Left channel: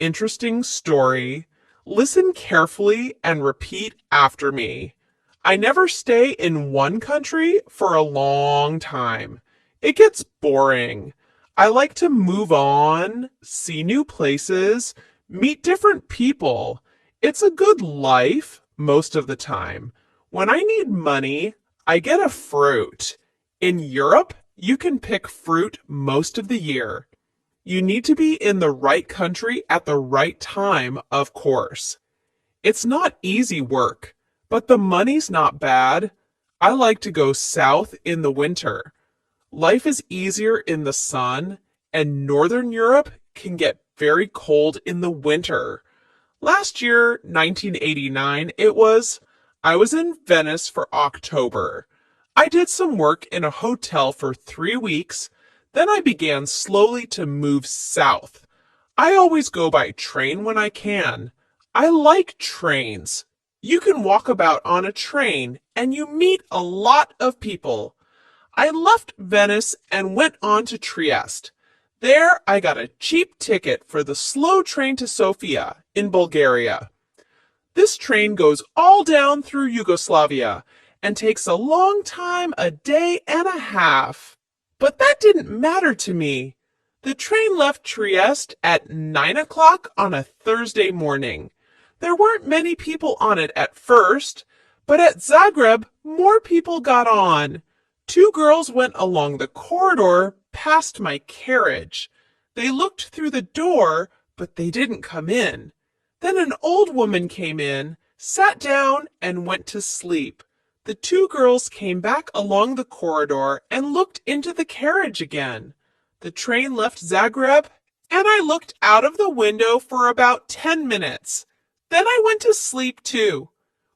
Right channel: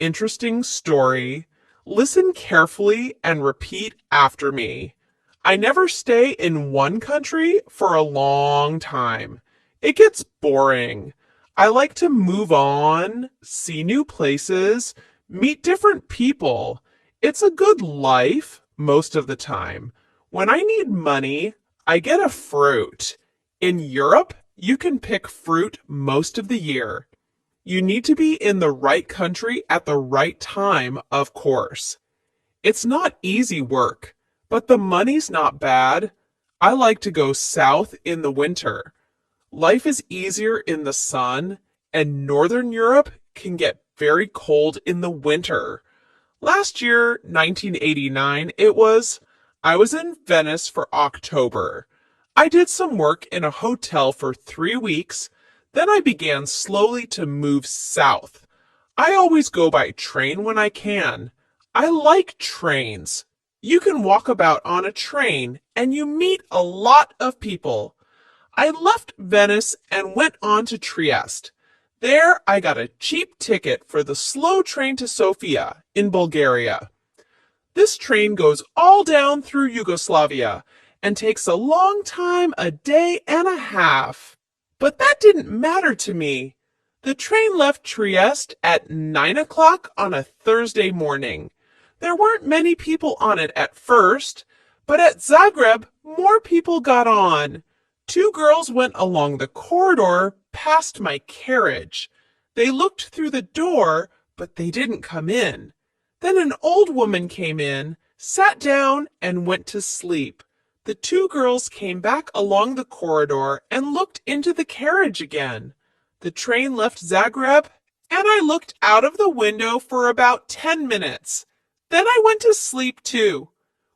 interesting story. Listen carefully and repeat after me. I never stay in one country for a long time. It gets boring. I like to move on, see new places, meet different people. It's a good life most of the time. When I need money, I get a fruit. In Europe, you can pick fruit most of the year. You need to be in the right country at the right time, of course. It's not easy work, but the money's not bad. I like to go south in the winter. Life is easier in the sun, and Northern Europe can get very cold in the winter. Last year, 1989, I was in Venice for October. I did some work in a hotel for 3 weeks. Then I began slowly to move south. I always go by train when I can. I like trains. You can walk about on a train and you meet a lot of people. I left Venice and went on to Trieste. There I got a cheap ticket for the slow train to Sofia in Bulgaria. This train goes all down through Yugoslavia and takes a long time, a day and a half. But that didn't matter to me. The train left Trieste at 9 o'clock on a Thursday morning. There weren't many people on it at first, but at Zagreb, more people got on. Two girls went along the corridor past my carriage. They looked through the door, but they didn't come in. Then an old woman came in, sat down, and went to sleep. The two girls came back along the corridor and looked into the carriage again. The train left Zagreb, and I looked out of the window for about 10 minutes. Then I went to sleep too.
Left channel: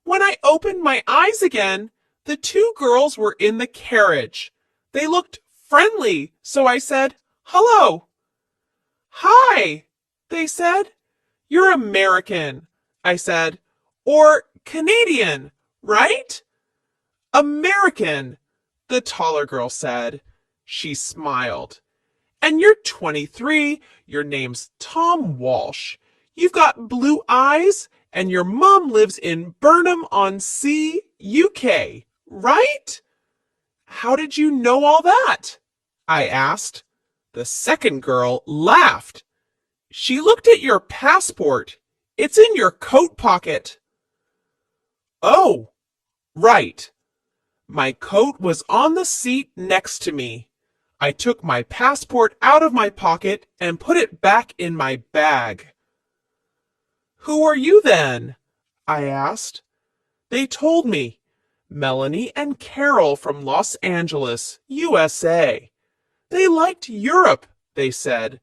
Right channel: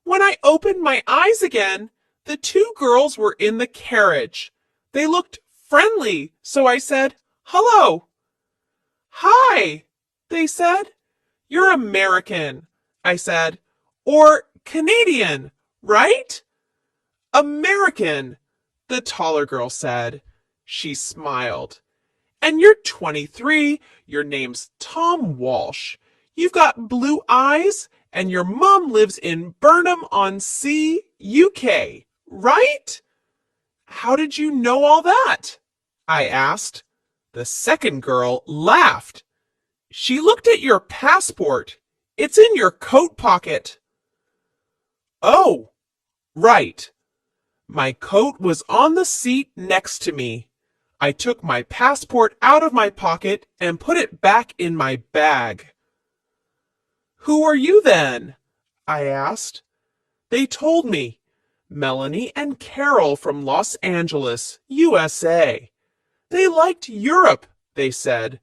When I opened my eyes again, the two girls were in the carriage. They looked friendly, so I said, "Hello." "Hi," they said. "You're American," I said, "or Canadian, right?" "American," the taller girl said. She smiled. "And you're 23, your name's Tom Walsh. You've got blue eyes, and your mom lives in Burnham-on-Sea, UK, right?" "How did you know all that?" I asked. The second girl laughed. "She looked at your passport. It's in your coat pocket." "Oh, right." My coat was on the seat next to me. I took my passport out of my pocket and put it back in my bag. "Who are you then?" I asked. They told me. Melanie and Carol from Los Angeles, USA. They liked Europe, they said.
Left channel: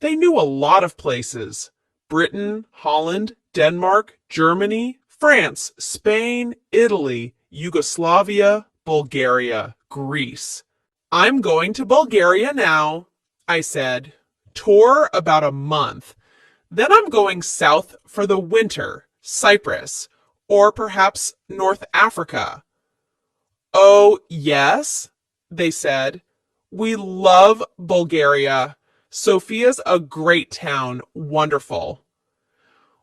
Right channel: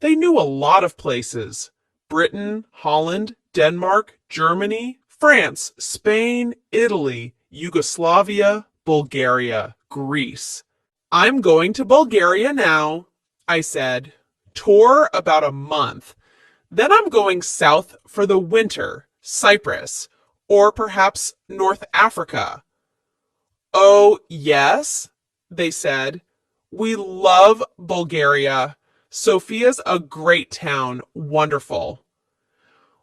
They knew a lot of places. Britain, Holland, Denmark, Germany, France, Spain, Italy, Yugoslavia, Bulgaria, Greece. "I'm going to Bulgaria now," I said. "Tour about a month. Then I'm going south for the winter, Cyprus, or perhaps North Africa." "Oh, yes," they said. "We love Bulgaria. Sofia's a great town, wonderful."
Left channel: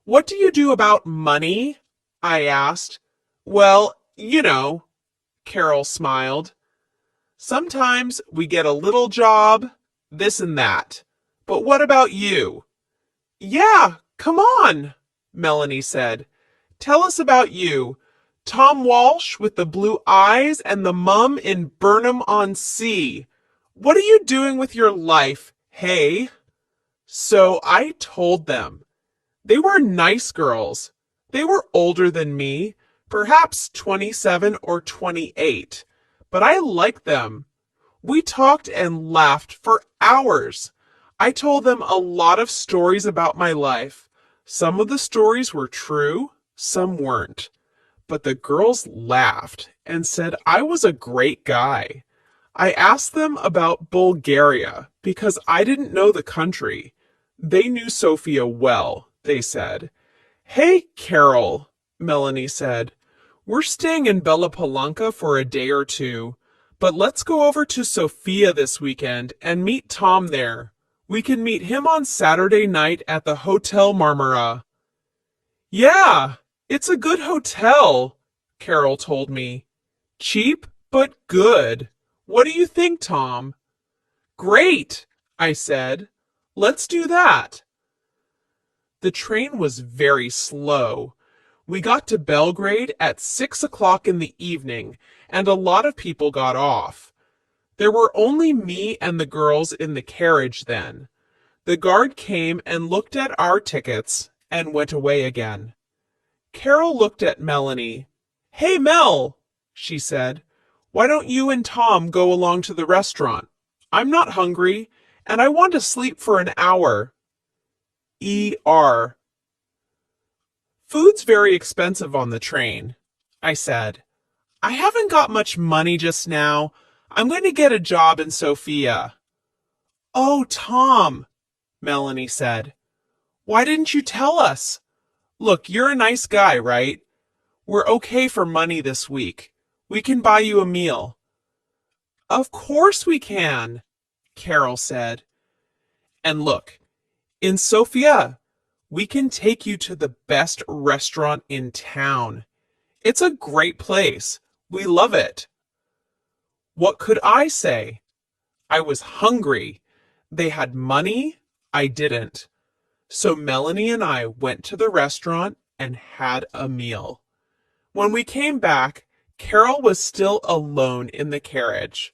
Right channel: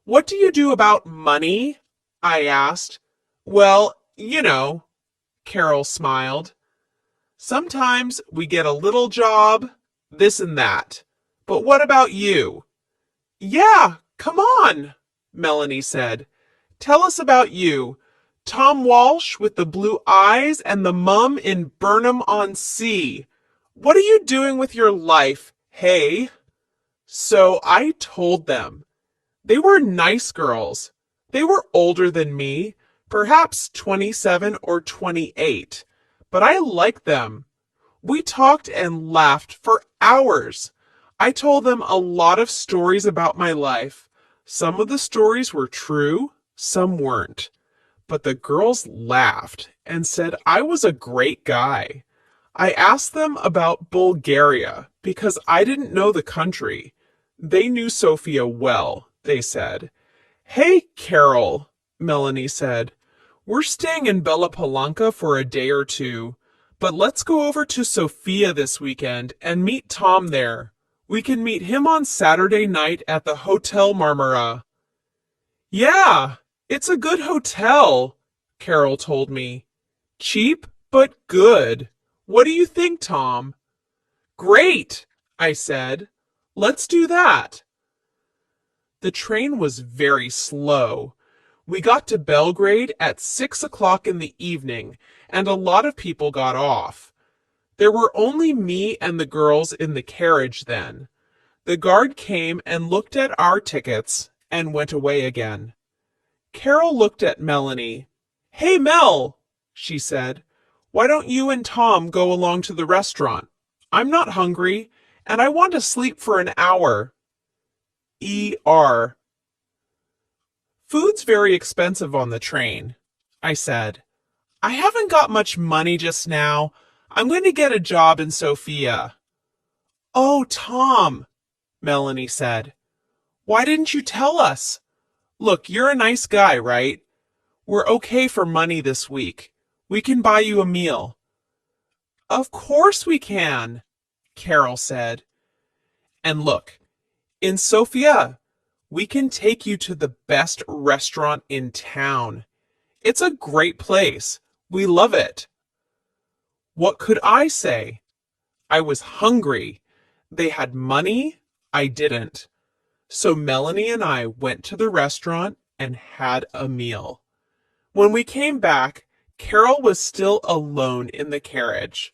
"What do you do about money?" I asked. "Well, you know," Carol smiled. "Sometimes we get a little job, this and that. But what about you?" "Yeah, come on," Melanie said. "Tell us about you. Tom Walsh with the blue eyes and the mum in Burnham-on-Sea. What are you doing with your life, hey?" So I told them. They were nice girls. They were older than me, perhaps 27 or 28, but I liked them. We talked and laughed for hours. I told them a lot of stories about my life. Some of the stories were true, some weren't. But the girls laughed and said I was a great guy. I asked them about Bulgaria because I didn't know the country. They knew Sofia well, they said. "Hey, Carol," Melanie said. "We're staying in Bella Palanca for a day or two, but let's go over to Sofia this weekend and meet Tom there. We can meet him on Saturday night at the Hotel Marmara. Yeah, it's a good hotel, Carol told me. Cheap, but good. What do you think, Tom? Great, I said. Let's do that. The train was very slow. We got to Belgrade at 6 o'clock in the evening, and a lot of people got off. There were only me and the girls in the carriage then. The guard came and looked at our tickets and went away again. Carol looked at Melanie. Hey, Mel, she said, why don't you and Tom go along to the restaurant? I'm not hungry, and I want to sleep for an hour. E.R. Food's very expensive on the train, I said. I haven't got much money just now. I'm going to get a job in Sofia. Oh, Tom, Melanie said. Why didn't you tell us? Look, you're a nice guy, right? We're okay for money this week. We can buy you a meal. Of course we can, Carol said. And look, in Sofia, we can take you to the best restaurant in town. It's a great place. We love it. What could I say? I was hungry. They had money. I didn't. So Melanie and I went to the restaurant and had a meal. When we came back, Carol was still alone in the carriage.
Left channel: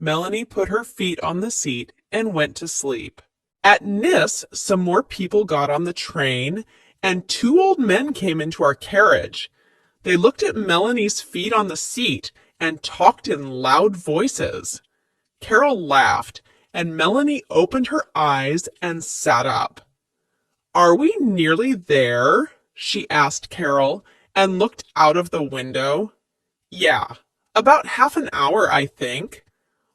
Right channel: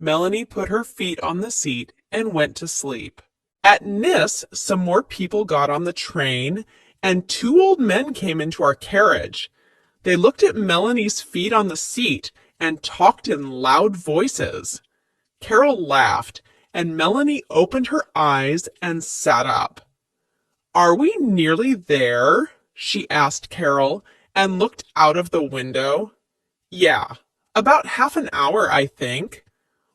Melanie put her feet on the seat and went to sleep. At Nice, some more people got on the train, and two old men came into our carriage. They looked at Melanie's feet on the seat and talked in loud voices. Carol laughed, and Melanie opened her eyes and sat up. Are we nearly there? She asked Carol, and looked out of the window. Yeah, about half an hour, I think.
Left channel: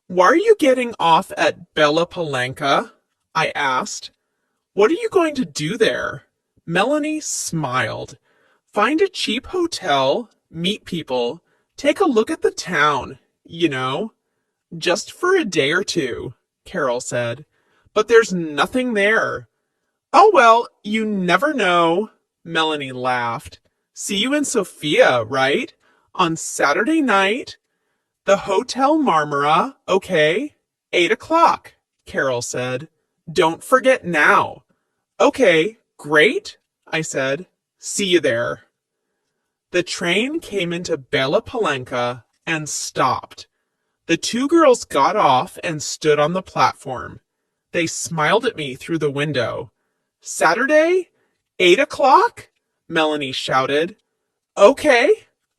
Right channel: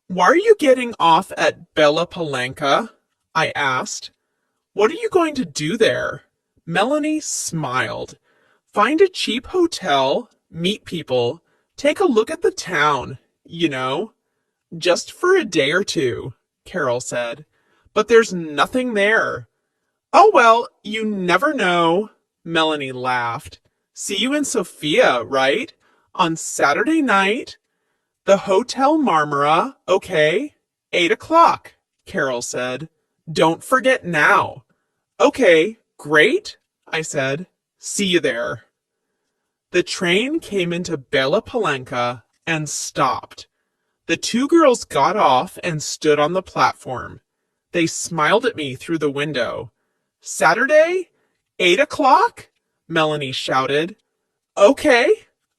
Why are you getting off at Bella Palanca? I asked. What are you going to do there? Melanie smiled. Find a cheap hotel, meet people, take a look at the town, you know. Just for a day or two, Carol said. But there's nothing there. Oh, well, you never know, Melanie laughed. See you in Sofia, right? On Saturday night. The Hotel Marmara, okay? 8 o'clock, Carol said. Don't forget now. Okay, great, I said. See you there. The train came into Bella Palanca and stopped. The two girls got off and stood on the platform. They smiled at me through the window. Saturday? 8 o'clock? Melanie shouted. Okay,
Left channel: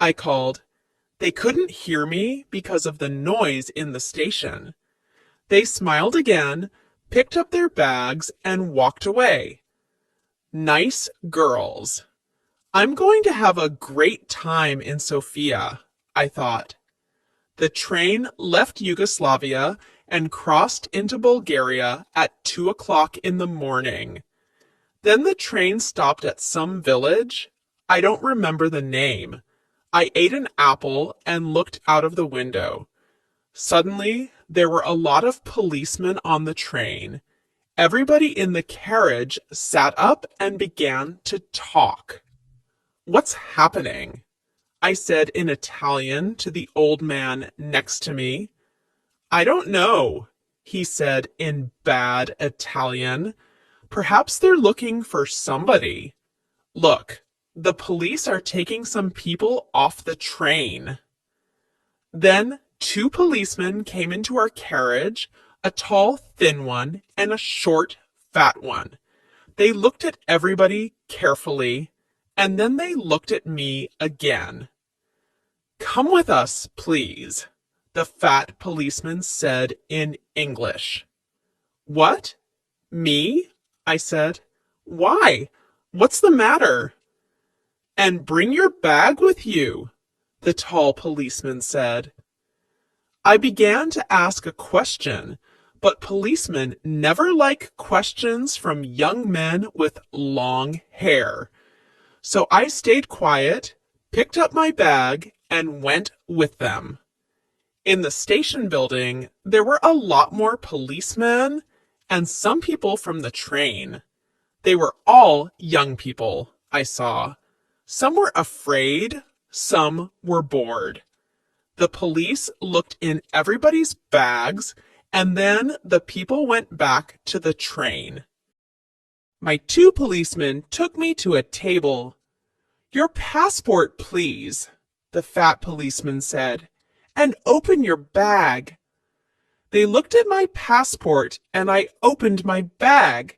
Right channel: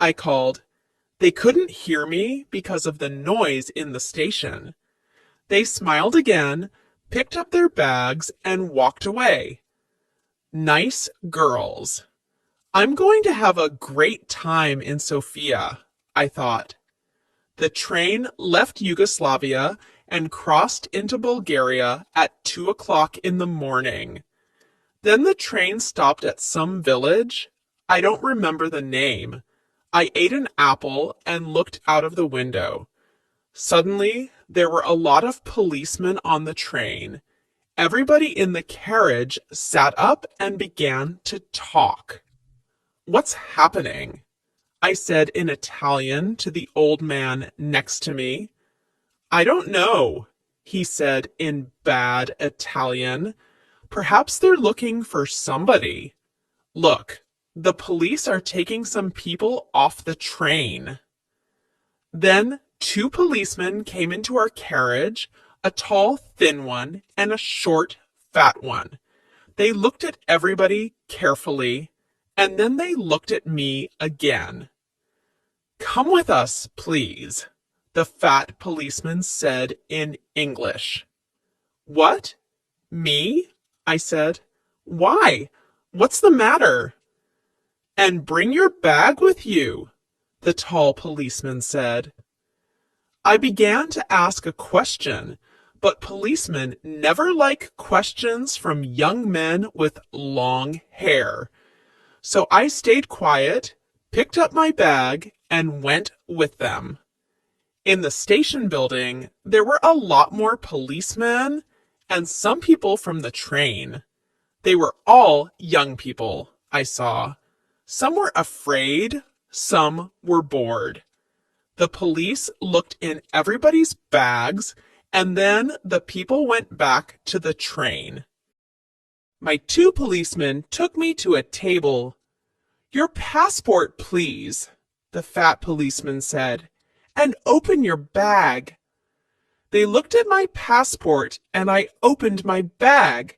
I called. They couldn't hear me because of the noise in the station. They smiled again, picked up their bags, and walked away. Nice girls. I'm going to have a great time in Sofia, I thought. The train left Yugoslavia and crossed into Bulgaria at 2 o'clock in the morning. Then the train stopped at some village. I don't remember the name. I ate an apple and looked out of the window. Suddenly, there were a lot of policemen on the train. Everybody in the carriage sat up and began to talk. What's happening? I said in Italian to the old man next to me. I don't know, he said in bad Italian. Perhaps they're looking for somebody. Look, the police are taking some people off the train. Then two policemen came into our carriage, a tall, thin one, and a short, fat one. They looked at everybody carefully, and then they looked at me again. Come with us, please, the fat policeman said in English. What? Me? I said. Why? What's the matter? And bring your bag with you, the tall policeman said. I began to ask a question, but policemen never like questions from young men with long hair. So I stayed quiet, picked up my bag, and went with them. In the station building, there were a lot more policemen and some people from the train. They were all young people, I saw. Some were afraid, some were bored. The police looked in everybody's bags, and then the people went back to the train. My two policemen took me to a table. "Your passport, please," the fat policeman said, "and open your bag." They looked at my passport, and I opened my bag.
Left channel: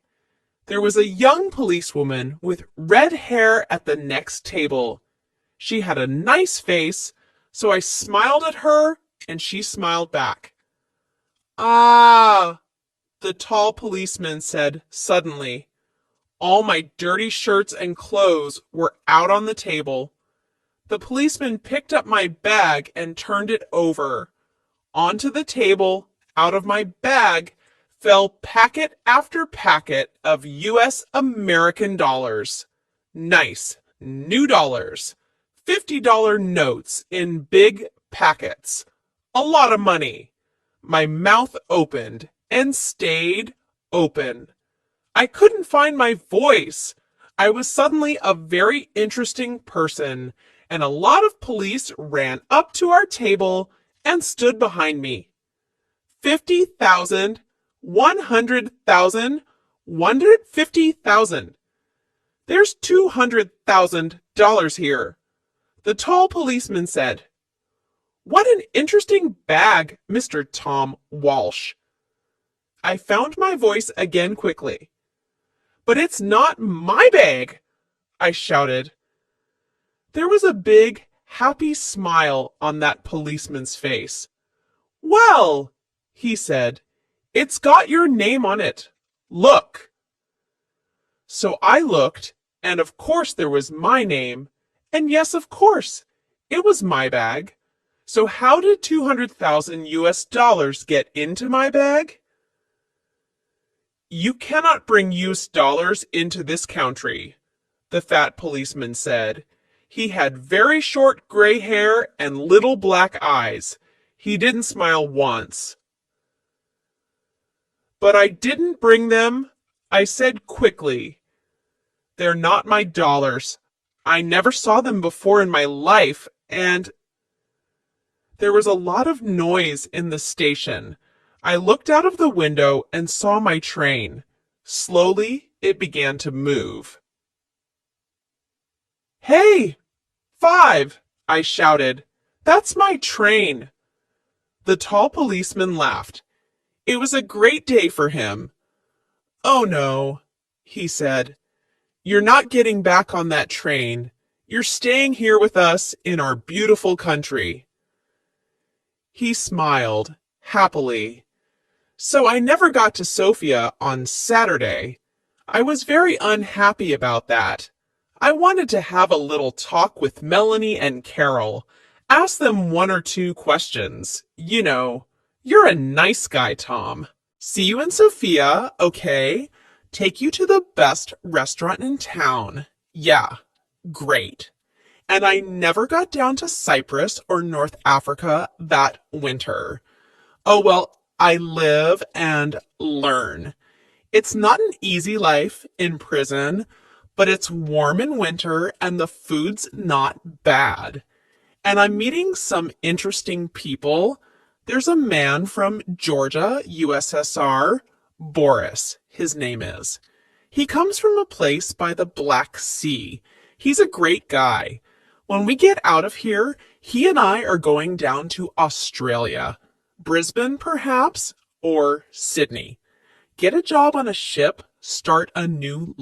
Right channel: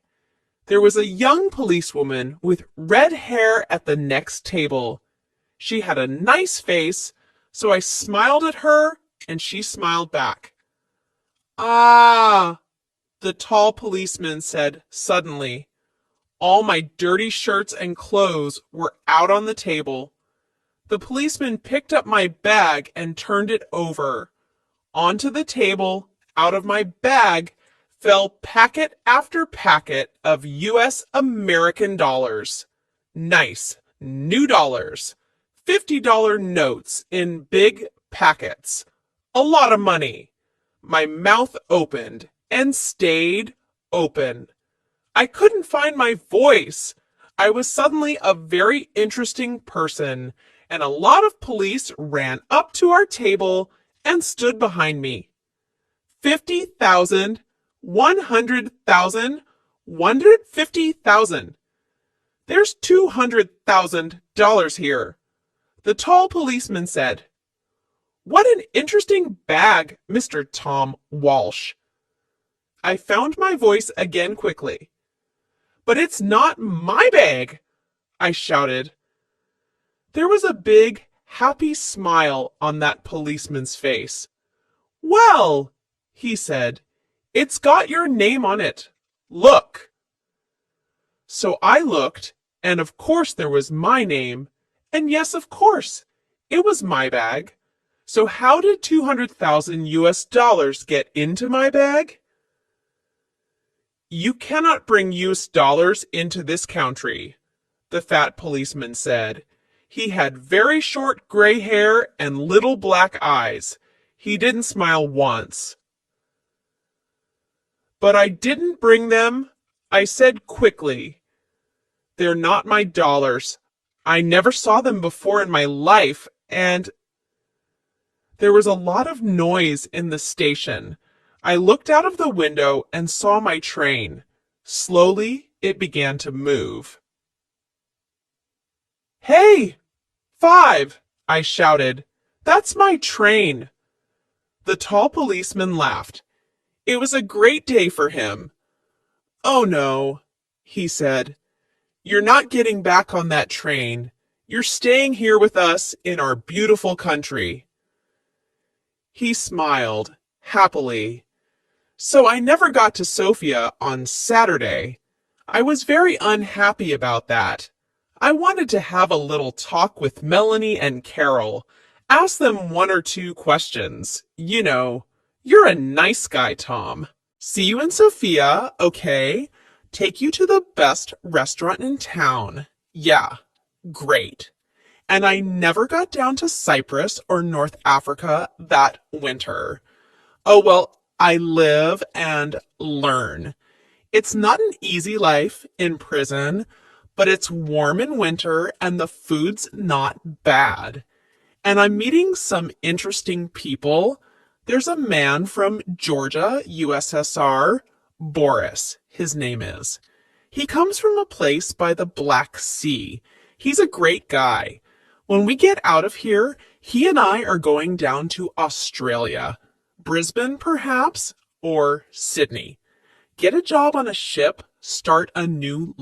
There was a young policewoman with red hair at the next table. She had a nice face, so I smiled at her, and she smiled back. "Ah," the tall policeman said suddenly. All my dirty shirts and clothes were out on the table. The policeman picked up my bag and turned it over. Onto the table, out of my bag, fell packet after packet of US American dollars. Nice, new dollars. $50 notes in big packets. A lot of money. My mouth opened and stayed open. I couldn't find my voice. I was suddenly a very interesting person, and a lot of police ran up to our table and stood behind me. 50,000, 100,000, 150,000. There's $200,000 here. The tall policeman said, "What an interesting bag, Mr. Tom Walsh." I found my voice again quickly. "But it's not my bag," I shouted. There was a big, happy smile on that policeman's face. "Well," he said, "it's got your name on it. Look." So I looked, and of course there was my name, and yes, of course, it was my bag. So how did 200,000 US dollars get into my bag? "You cannot bring US dollars into this country," the fat policeman said. He had very short gray hair and little black eyes. He didn't smile once. "But I didn't bring them," I said quickly. "They're not my dollars. I never saw them before in my life, and—" There was a lot of noise in the station. I looked out of the window and saw my train. Slowly it began to move. "Hey, 5!" I shouted. "That's my train." The tall policeman laughed. It was a great day for him. "Oh no," he said. "You're not getting back on that train. You're staying here with us in our beautiful country." He smiled happily. So I never got to Sofia on Saturday. I was very unhappy about that. I wanted to have a little talk with Melanie and Carol. Ask them one or two questions. You know, you're a nice guy, Tom. See you in Sofia, okay? Take you to the best restaurant in town. Yeah, great. And I never got down to Cyprus or North Africa that winter. Oh, well, I live and learn. It's not an easy life in prison, but it's warm in winter and the food's not bad. And I'm meeting some interesting people. There's a man from Georgia, USSR, Boris, his name is. He comes from a place by the Black Sea. He's a great guy. When we get out of here, he and I are going down to Australia. Brisbane, perhaps, or Sydney. Get a job on a ship, start a new